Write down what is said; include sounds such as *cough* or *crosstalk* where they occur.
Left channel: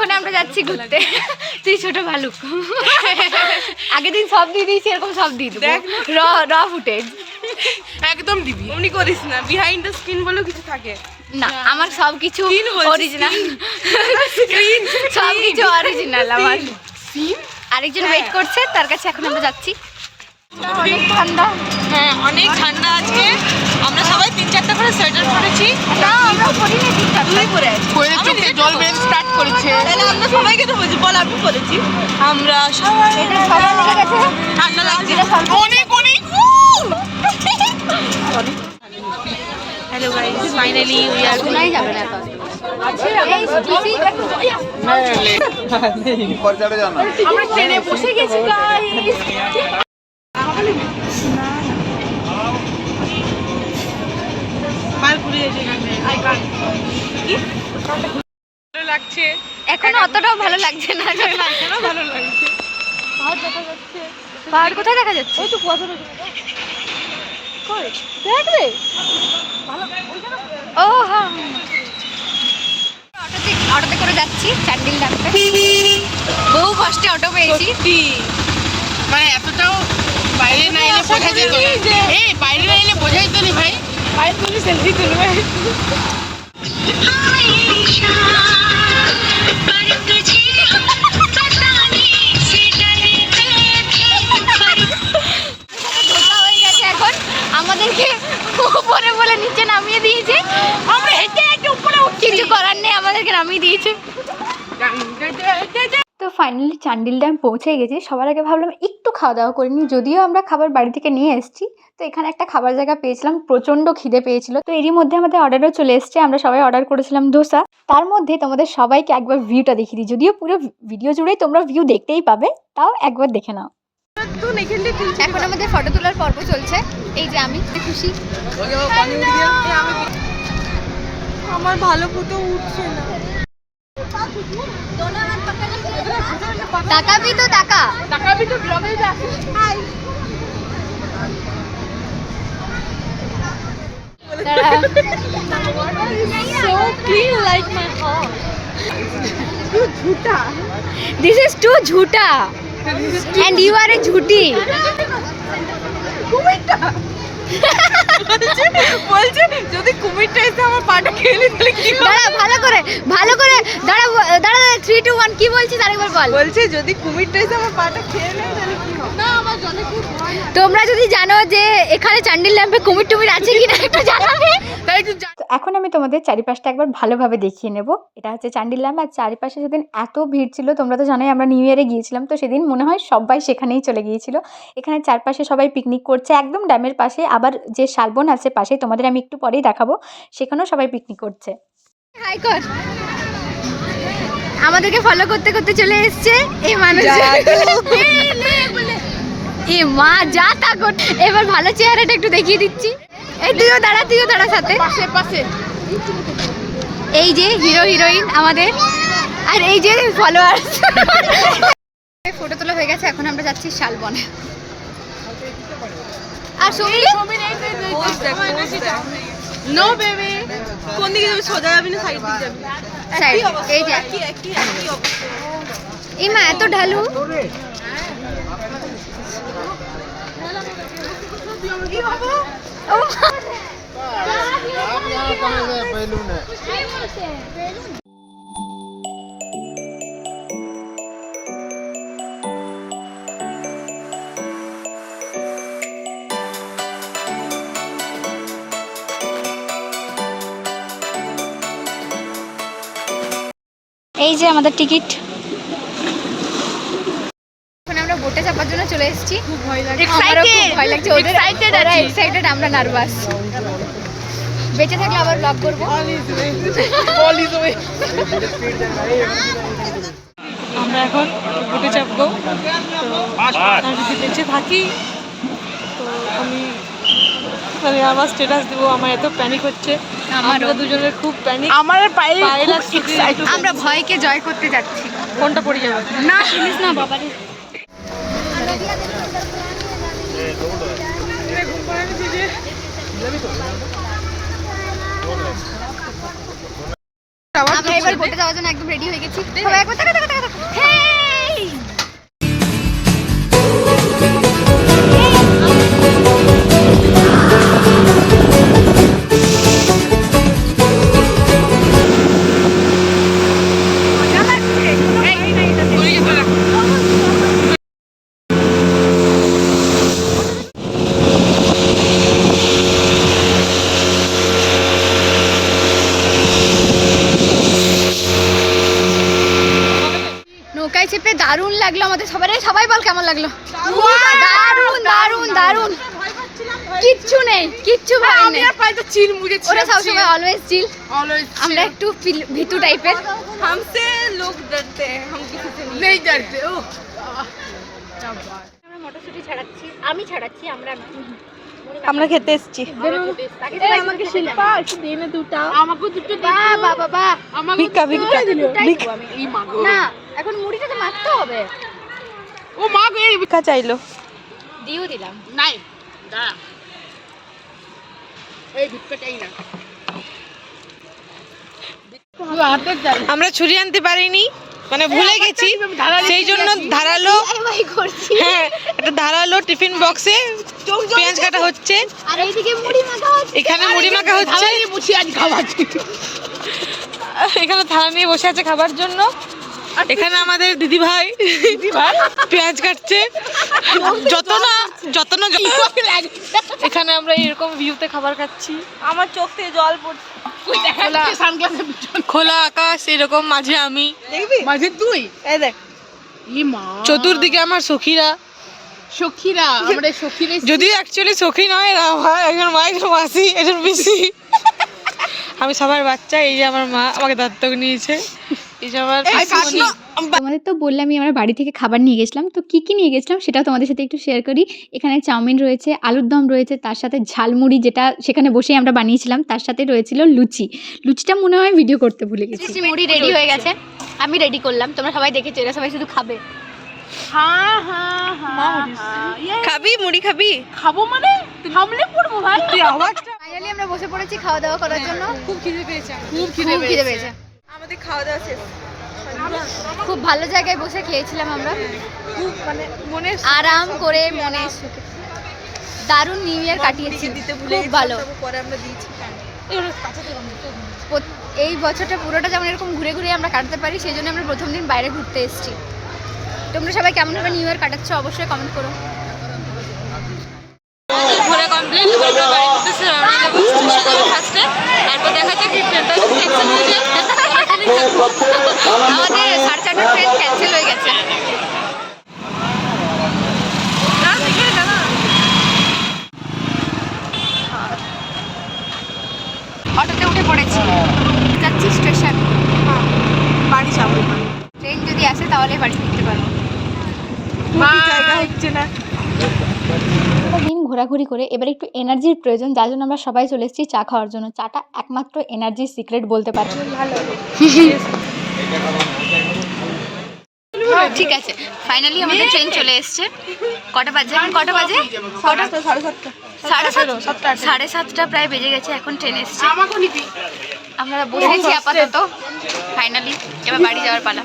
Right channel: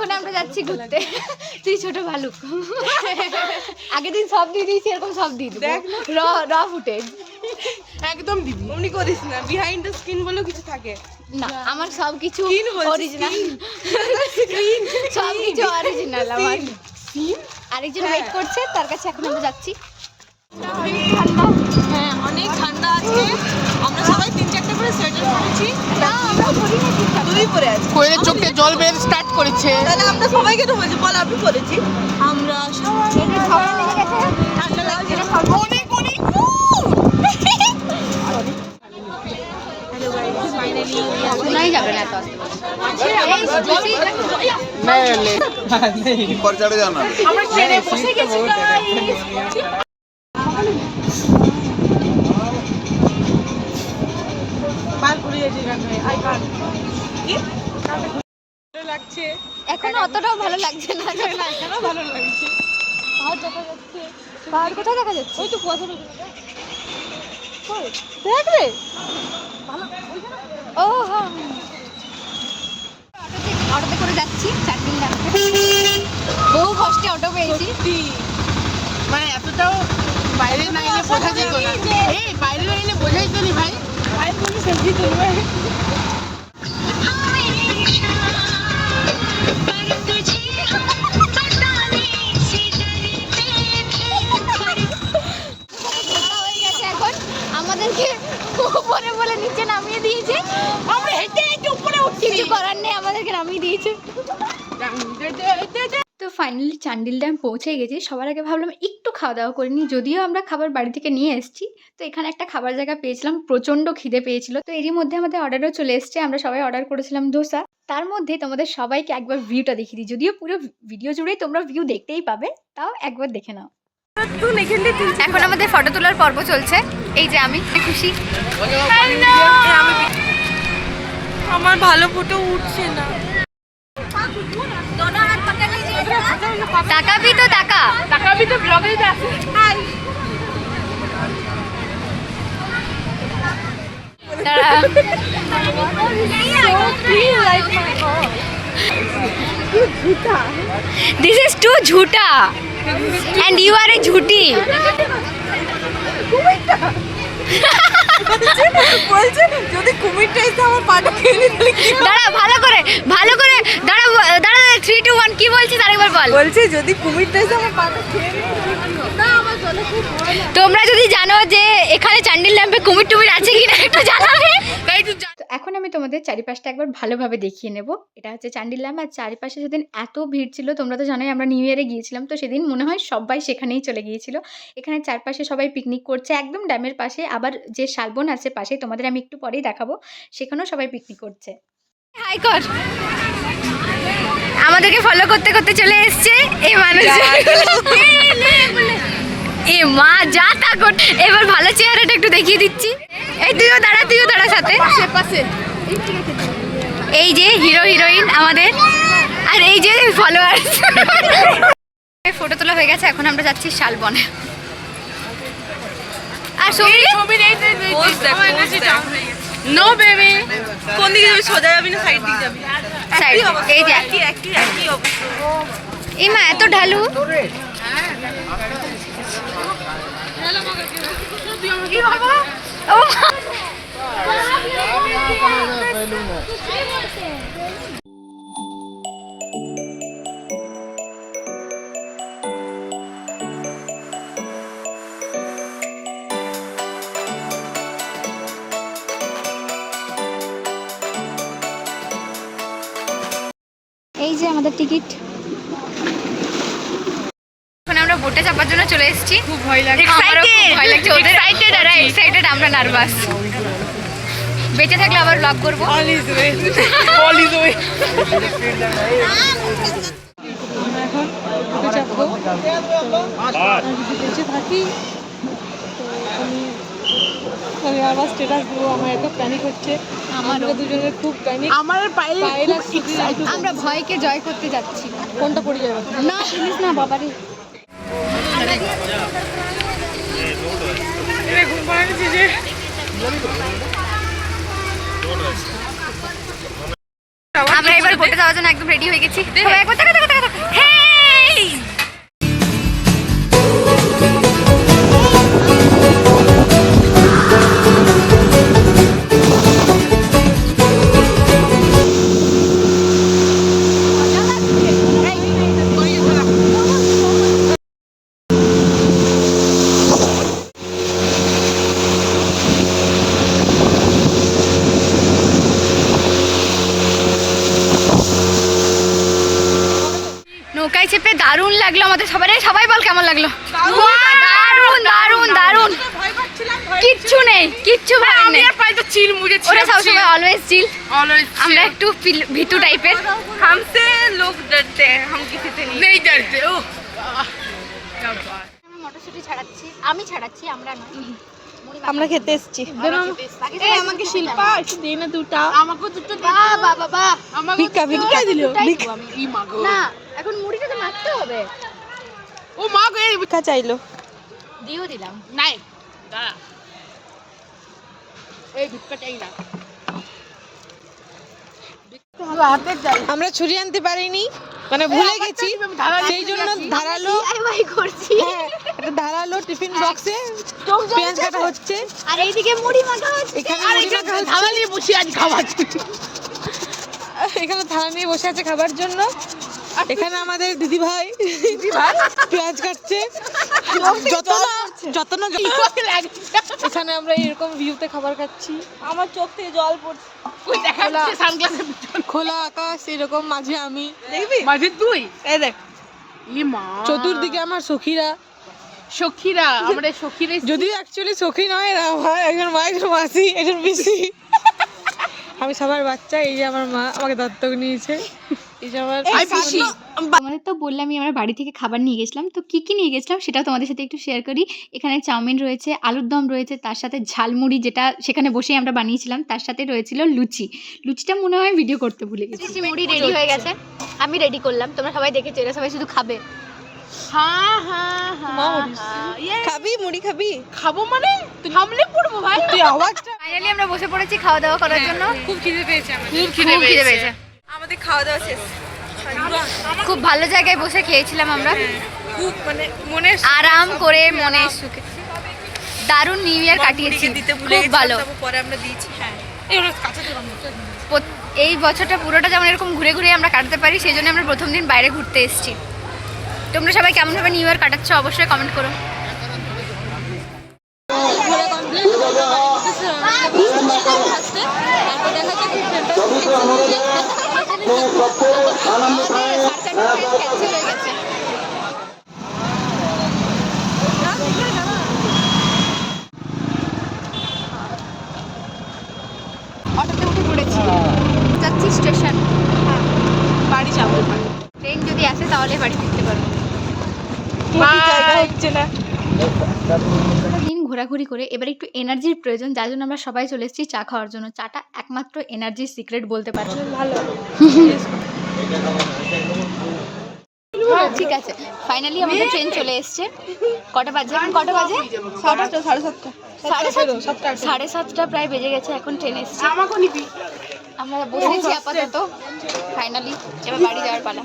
এখন আমরা যাচ্ছি ঘুরতে। *laughs* তুই ছোট ভালুক। *laughs* আগের দিন সব দিয়ে দিয়েছি এরকম সব দিয়ে দেবো। দেখ র র ফুটেজ একদম দিবি। অমনি করিস না। বিহাইন্ড দ্য স্ক্রিন বলেও কিছু থাকে। না আমার সব কিছু অরিজিনাল স্ক্রিন *laughs* সব কিছু অরিজিনাল আমার। আরেকজন ওয়েট করছে তার কাছে এখন আমরা যাচ্ছি। অনেক ঠান্ডা। হ্যাঁ অনেক ঠান্ডা আজকে। আমরা সবাই তিন চারটা করে সোয়েটার পরেছি। তুই পরে আছিস কোয়েলের চোখে জল বের স্টার্ট করেছে। আমরা সবাই কেন বলছি বল আমি করেছি আমরা সবাই ঠান্ডা লাগছে। অনেক অনেক hello guys finally we are আচ্ছা, হ্যাঁ, হ্যাঁ, হ্যাঁ। *laughs* আমরা ট্রেনে বসে গেছি লাগছে এখন অতটাও ভালো লাগছে না। কেন ভালো লাগছে। পাহাড় দেখা যাচ্ছে। পাহাড় কোথায় দেখা যাচ্ছে? একটু পথরে কই? দেখলে? ও হ্যাঁ। অটোতে অটোতে করে যাচ্ছি চারদিন লাগবে বহু কষ্টে অটো পেয়েছি। মানে এতটাও বাইরে না এলে বোঝা যেত না। এই বাইরে না এলে বোঝা যেত না ভাই। তুমি সেলফি তুলবে। ধোকা গেছে এখন আমাদেরকে উপরে বলে নিচে নামিয়ে দিয়েছে আমরা হেঁটে হেঁটে উপরে উঠছি। কিছু করার নেই আমাদেরকে নামিয়ে দিয়েছে। ফাইনালি চান্ডিল ড্যাম পৌঁছে গেছি। সবার আগে ভাবলাম একটু খাওয়া দাওয়া করে নিই যদিও আমরা খাবার বাড়ি থেকে নিয়ে এসেছি। তো এখানে একটা খাবার জায়গা পেয়েছিলাম প্রচণ্ড খিদে পেয়েছিল। তো এরই মধ্যে আমাদের অর্ডারও চলে এসেছে আমরা সবাই অর্ডার করেছিলাম ধোসা তার মধ্যে তোমাদের সবাইকে একবার ভিউটা দেখিয়ে দিই। যদিও পুরো ভিডিও জুড়েই তোমরা ভিউ দেখতেই পাবে তাও একবার দেখে নাও। এখন আমাদের ফটো তোলার পর্ব চলছে। এই যে আমি খুশি। আমার ভালো ফটো উঠছে না। তাকাবি তো টাকা। তাকাবি তো ব্লগে যাচ্ছে হাই। দিস ইজ টু ঝুটা এন্ড ইউ আর এ ঝুটি বলছে যদি কুমিরটা এসে আমার পাটা খেয়ে? দাঁড়া ভালো করে ভালো করে দাঁড়া দাঁড়া থ্রি টু ওয়ান কি বলছিস? আরেকবার বল। বলছে যদি কুমিরটা এসে আমার পাটা খেয়ে নেয় তাহলে কি হবে? না আমার জলে কি তোমরা যদি জানো যে এখানে চান্ডিল ল্যাম্পে কুমির টুমির আছে কিনা একটু জানাবে তো এখন আমি তোমাদের চারিপাশটা একবার ভালোভাবে দেখিয়ে নেব। এটা হচ্ছে চান্ডিল ল্যাম্প আর চারিপাশে সেদিন এত ভিড় ছিল তোমরা তো জানোই আমরা নিউ ইয়ারে গিয়েছিলাম তো সেদিন মনে হয় সবাই সেখানেই চলে গিয়েছিল। এখানে চারপাশে সবাই পিকনিক করছে একদম ড্যামের পাশে আবার যে শালবন আছে পাশে তোমাদের আমি একটু পরেই দেখাবো সেখানেও সবাই পিকনিক করছে। হাই কর। আমাদেরকে ফলো করতে করতে চলে এসছে এই মানুষ এ মা যা তা কর। এবার ভালো চেহারাটা একটু দেখিয়ে দিচ্ছি। এই তুইও দাঁড়া তুইও দাঁড়া সাথে। এই যে হিরো হিরোইন আমাদের। আর এই যে ফলোয়ার ফটো তোলা হয়ে গেছে এখন আমরা যাচ্ছি শালবনে। আর সঙ্গী নো বেবি কোন দিকে যাবি? সোজা যাবি না সাইড দিকে যাবি? সাইড এই যে। এই মা এত ঢালু। ও যে আমাদের টিকিট। এখন আমরা বোটে চাপার জন্য চলে এসেছি। খুব ভয় আমারও খুব ভয় লাগছে। ওদের ওরা এক্সাইটেড আমরা নার্ভাস বেঁচে থাকলে আবার ব্লগ করব। আমরা এখন উঠে চাপবো। তো আমি যদি বেঁচে থাকি আমি আবার স্ট্যাটাস দেবো আমার এত প্যানিক হচ্ছে। আমারও। আমরা দুজনের খুব প্যানিক আমার পায়ে আমরা ভয়কে জয় করতে যাচ্ছি। ফোনটা পড়ে যাবে। না। শুনিস না বাবারে আমরা এবার বোটে যাওয়ার জন্য একদম রেডি হয়ে গেছি। নৌকায় চেপে দারুণ লাগল আমাদের সবারই সবাই বল কেমন লাগল? দারুণ দারুণ দারুণ কিচ্ছু নেই কিচ্ছু আমরা চিল অলওয়েজ চিল আমরা একটু ভিতু টাইপের লোক ডরতে নেই ডরতে ও। আমি খেতে এসেছি। ভিক্ষা ভিক্ষা। এখন মুড়ি তো মাখতে হবে। ও মা গো এই ভিক্ষা চাইলো। দিও দিলাম। নাই দাঁড়া। এই ভিক্ষা চাই না আমরা ছুরি আনতে পারিনি মানে ভুলে গেছি। সেই জন্য ধারালো হ্যাঁ একটা ধারালো টিফিন বক্সে পেঁয়াজ কাটা হচ্ছে। মুড়ি মাখা এখানে মুড়ি মাখা হচ্ছে। বুঝি আজ খাওয়াচ্ছি এখানে থালা নিয়ে বসে আছে খাবার জন্য। এখানে আমাদের দিদি ভাই পেঁয়াজ কাটছে। যত না যত না এখানে আমরা এরকম ভিউতে খাবার খাচ্ছি। আমার চোখ থেকে জল পড়ছে। খোলা আকাশ এরকম মাঝে আমি। মাঝে তুই? চতুর্দিকে আমার সখীরা। সখীরা আমরা সখীরে যদিও অ্যাকচুয়ালি সখী নয় এরা আমার একজন মা একজন মাসি একজন পিসি। আমি সবার বাচ্চা এই যে আমার মা আমাকে দত্তক নিয়েছে। তোমাদের তো বললামই আমরা বাড়ি থেকে খাবার নিয়ে গেছিলাম তো কী কী নিয়ে গেছিলাম সেটাও তোমাদের সাথে একটু শেয়ার করি। এখানে চাউমিন রয়েছে আলুর দম রয়েছে তার সাথে ঝালমুড়ি যেটা সেখানে বসেই আমরা বানিয়েছিলাম তার সাথে রয়েছিল লুচি। লুচিটা মনে হয় ভিডিও করতে ভুলে গেছি। মুড়ি রেডি হয়ে গেছে। আমি রেডি করলাম তোমরা সবাই দেখেছ এরা সবাই শুধু খাবে। হ্যাঁ হ্যাঁ হ্যাঁ হ্যাঁ খাবি মুড়ি খাবি? খাব মানে? থামলে পড়ব ভাই। ফাইনালি আমরা বসে পড়েছি খাওয়া দাওয়া করার জন্য। খুব খিদে পেয়েছে খুব খিদে পেয়েছে। আমাদের খাওয়া দাওয়া শেষ। খুব ভালো জায়গায় বসে খেয়েছিলাম আমরা। খুব মানে মনে আরাম করে মনে সুখে। দারুণ নিউ ইয়ার কাটিয়েছি। খুব ভালো। পরে আমরা দিয়েছি হ্যাঁ। এই বছরটা পুরোটা যেমন এরকম ঘুরে ঘুরে আমরা কাটাতে পারি সেই জন্য আমরা প্রথম দিন বাইরে ঘুরতে এসেছি। তোমরা সবাই কেমনভাবে নিউ ইয়ার কাটাচ্ছ অবশ্যই কমেন্ট করো। ঘোরা কমপ্লিট তারপর দেখা যাক ক্যান্সেল হয়ে। গেছে অটোতে উঠে পড়েছি যাচ্ছি স্টেশন বাড়ি যাব ট্রেন যদি আসে তাহলে বাড়ি ফিরতে পারব জায়গা হচ্ছে না ঘোরাঘুরি করে এবার একটু এনার্জির প্রয়োজন যার জন্য আমরা সবাই চলে এসেছি চা খাওয়ার জন্য। চাটা একমাত্র এনার্জির সিক্রেট বলতে পারি। ঠিক আছে। ফাইনালি আমাদের ট্রেন চলে এসছে। কটা বাজে? এখন কটা বাজে? কটা? সাড়ে সাতটা সাড়ে সাতটা। প্রায় বেজে গেছে এখন ট্রেন এসছে। আমরা বসেছি আপাতত। ফাইনালি এবার বাড়ি যাওয়ার পালা।